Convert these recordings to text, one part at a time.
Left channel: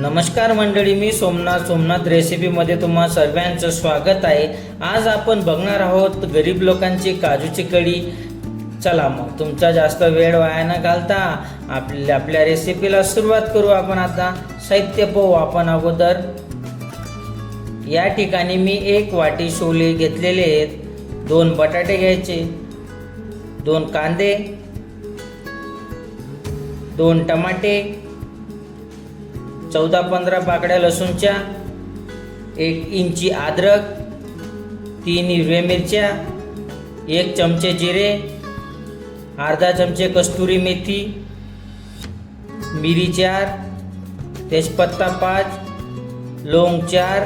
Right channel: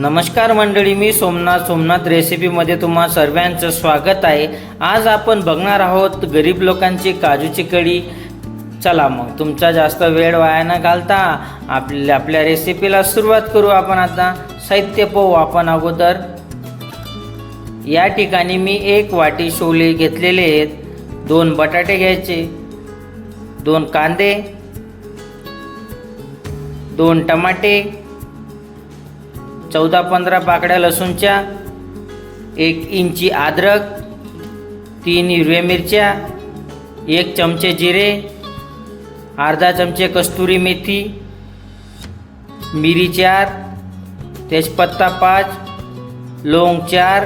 नमस्कार मंडळी मी सोमनाथ सोमनाथ रेसिपीमध्ये तुम्हा सर्वांचं स्वागत आहे. आज आपण बघणार आहोत गरीब लोकांची काजूची कढी. चला मग तुमचा जास्त वेळ वाया न घालता आपल्या आपल्या रेसिपीला सुरुवात करू आपण आता. साहित्य पाहू आपण अगोदर. या ठिकाणी मी एक वाटी शोले घेतलेले आहेत. दोन बटाटे घ्यायचे. दोन कांदे. दोन टमाटे. चौदा पंधरा पाकड्या लसूणच्या एक इंची अद्रक तीन हिरव्या मिरच्या एक चमचे जिरे अर्धा चमचे कस्तुरी मेथी मिरी चार तेजपत्ता पाच लोंग चार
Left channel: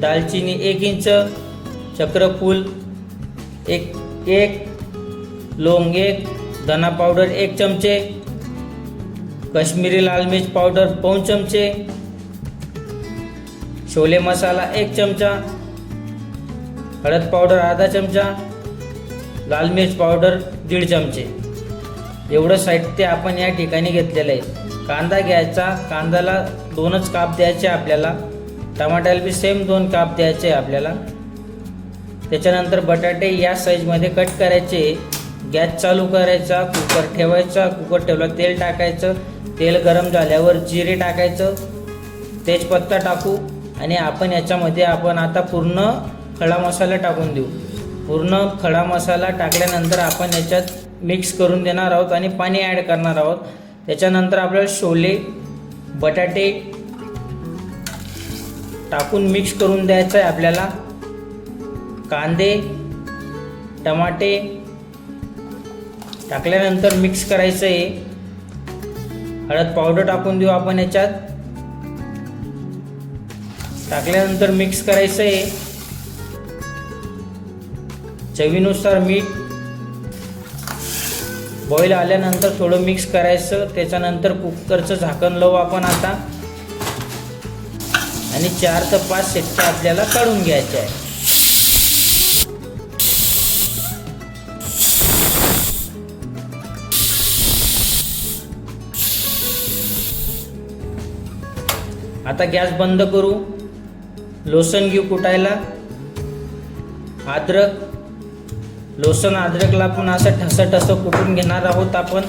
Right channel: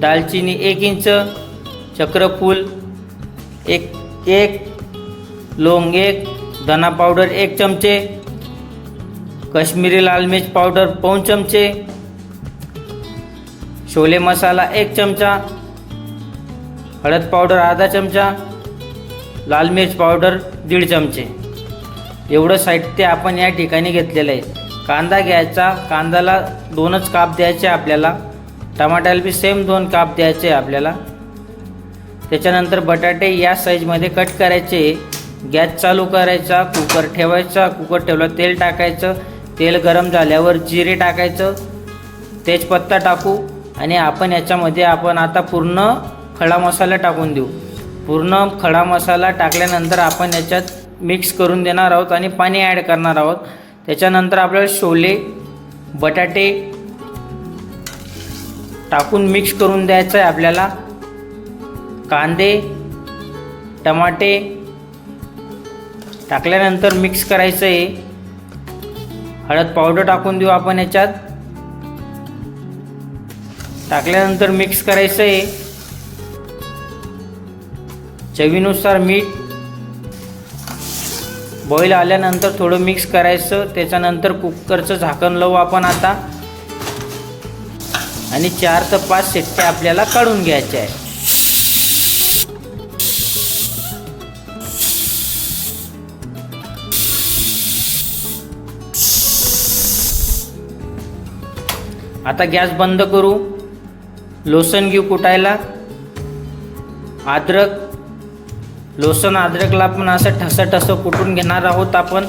दालचिनी एक इंच चक्रफूल एक एक लोंग एक धना पावडर एक चमचे कश्मीरी लाल मिर्च पावडर पाऊन चमचे छोले मसाला एक चमचा हळद पावडर अर्धा चमचा लाल मिर्च पावडर दीड चमचे. एवढं साहित्य आपण या ठिकाणी घेतलेलं आहे. कांदा घ्यायचा कांद्याला दोनच काप द्यायचे आपल्याला. टमाट्याला बी सेम दोन काप द्यायचे आपल्याला. त्याच्यानंतर बटाटे या साईजमध्ये कट करायचे. गॅस चालू करायचा कुकर ठेवायचा कुकर ठेवला तेल टाकायचं. तेल गरम झाल्यावर जिरे टाकायचं तेजपत्ता टाकू आणि आपण याच्यामध्ये आपण आता पूर्ण खडा मसाला टाकून देऊ. पूर्ण खडा मसाला टाकल्यानंतर आपण याच्यात मिक्स करून देणार आहोत आणि पाणी ॲड करणार आहोत. त्याच्यानंतर आपल्याला शोले बटाटे टाकून मिक्स करून द्यायचं आहे आपल्याला. कांदे टमाटे टाकल्यानंतर मिक्स करायचं आहे. हळद पावडर टाकून देऊ आपण याच्यात. टाकल्यानंतर मिक्स करायचं आहे चवीनुसार मीठ. बॉईल आल्यानंतर थोडं मिक्स करायचं. त्याच्यानंतर कुकरचं झाकण लावू आपण आता. आणि चार ते पाच शिट्ट्या आपल्याला काढून घ्यायच्या आहे आता गॅस बंद करू. लोसन घेऊ कुटायला. अद्रक. लोसन अद्रकला पण असं ठसं ठसं कुटून घेणार आहोत आपण.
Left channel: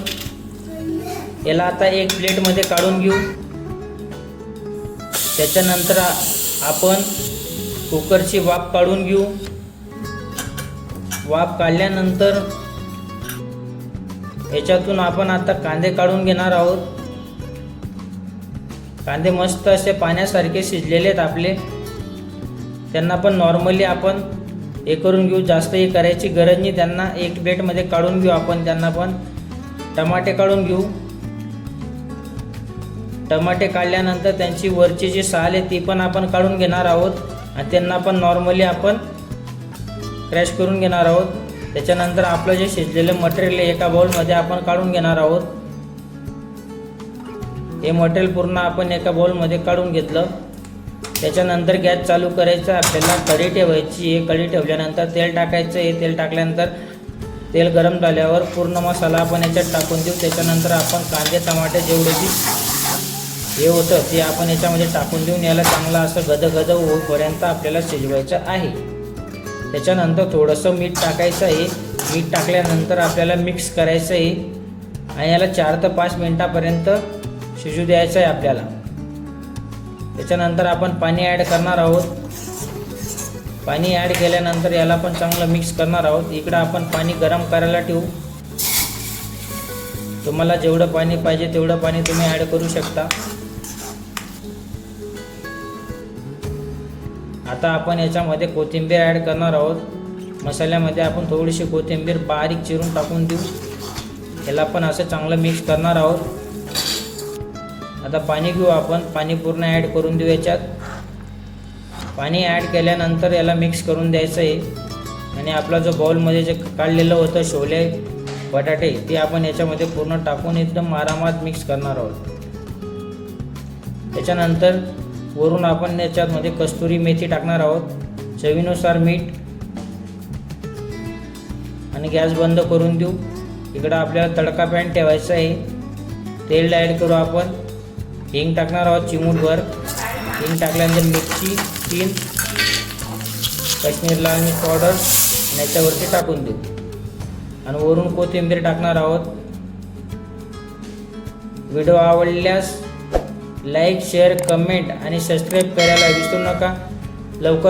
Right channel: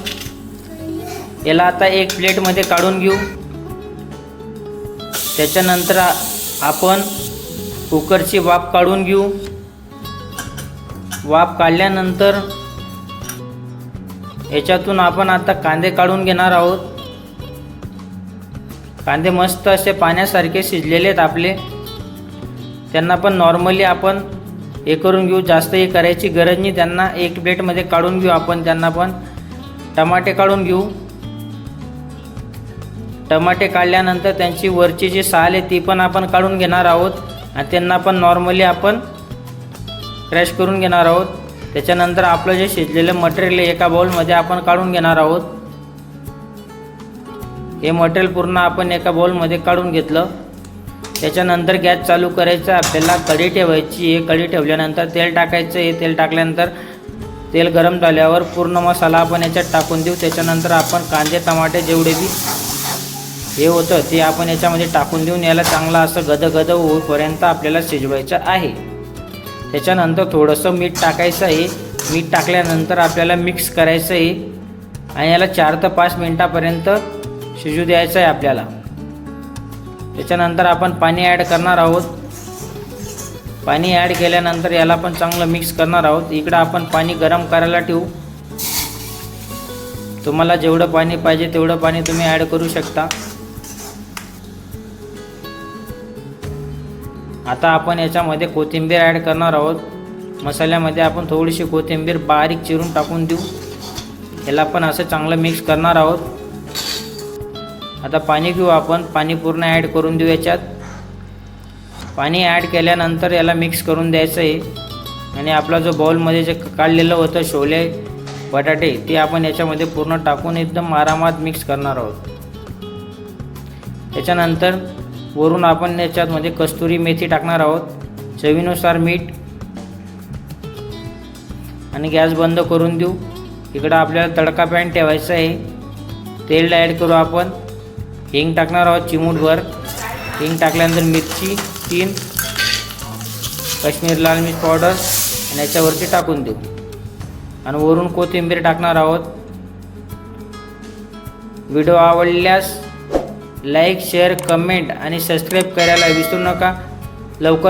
याला आता एक प्लेटमध्ये काढून घेऊ. त्याच्यानंतर आपण कुकरची वाफ काढून घेऊ. वाफ काढल्यानंतर याच्यातून आपण आता कांदे काढून घेणार आहोत. कांदे मस्त असे पाण्यासारखे शिजलेले आहेत आपले. त्यांना पण नॉर्मली आपण हे करून घेऊ. जास्त हे करायची गरज नाही. त्यांना एक प्लेटमध्ये काढून घेऊ आपण. त्यांना पण टमाटे काढून घेऊ. टमाटे काढल्यानंतर त्यांची वरची जी साल आहे ती पण आपण काढून घेणार आहोत. आणि त्यांना पण नॉर्मली आपण क्रॅश करून घेणार आहोत. त्याच्यानंतर आपलं जे शिजलेलं मटेरियल आहे एका बाउलमध्ये आपण काढून घेणार आहोत. हे मटेरियल पूर्ण आपण एका बॉलमध्ये काढून घेतलं. त्याच्यानंतर गॅस चालू करायचा. आपल्याला कढी ठेवायची. हे कढी ठेवल्यानंतर तेल टाकायचं. आहे तेल टाकल्यानंतर तेल गरम झाल्यावर पूर्ण मसाला आपण याच्यात टाकून देऊ. त्याच्यानंतर आपण कांदे टमाटे जेवढे हे होतं ते आपण याच्यामध्ये टाकून देऊन याला चांगलं असं गदगद होईपर्यंत आपल्याला शिजवायचं आहे. त्याच्यानंतर थोडंसं मीठ टाकायचं आहे. मीठ टाकल्यानंतर आपल्याला मिक्स करायचं आहे. आणि याला चार ते पाच मिनटापर्यंत शिजू द्यायचं आहे आपल्याला. त्याच्यानंतर आपण पाणी ॲड करणार आहोत. पाणी ॲड केल्यानंतर याला पण चांगलं मिक्स करणार आहोत. इकडं आपण पाणी गरम करायला ठेवू. तुम्हाला जेवढं पाणी पाहिजे तेवढं पाणी तुम्ही ॲड करू शकता. आता आपण याच्यामध्ये कोथिंबीर ॲड करणार आहोत. मसाल्यामध्ये आपण थोडीशी कोथिंबीर बारीक चिरून टाकून देऊ. याला पण असं चांगलं मिक्स करणार आहोत. आता पाणी घेऊ आपण. पाणी पूर्ण ॲड करून देऊ याच्यात. पाणी ॲड केल्यानंतर याला मिक्स करून द्यायचं आहे आणि आपला जो बाउलमध्ये जे काढलेलं होतं शोले बटाटे ते आपण याच्यामध्ये पूर्ण टाकून एकदम आरामात मिक्स करणार आहोत. त्याच्यानंतर वरून आपण याच्यामध्ये कस्तुरी मेथी टाकणार आहोत. चवीनुसार मीठ. आणि गॅस बंद करून देऊ. इकडं आपल्याला तडका पॅन ठेवायचा आहे. तेल ॲड करू आपण. हिंग टाकणार आहोत चिमूटभर. हिंग टाकल्यानंतर मिरची तीन. काश्मीर लाल मिर्च पावडर. आणि याच्यावरती टाकून देऊ. आणि वरून कोथिंबीर टाकणार आहोत. व्हिडिओ आवडल्यास लाईक शेअर कमेंट आणि सबस्क्राईब करायला विसरू नका. लवकर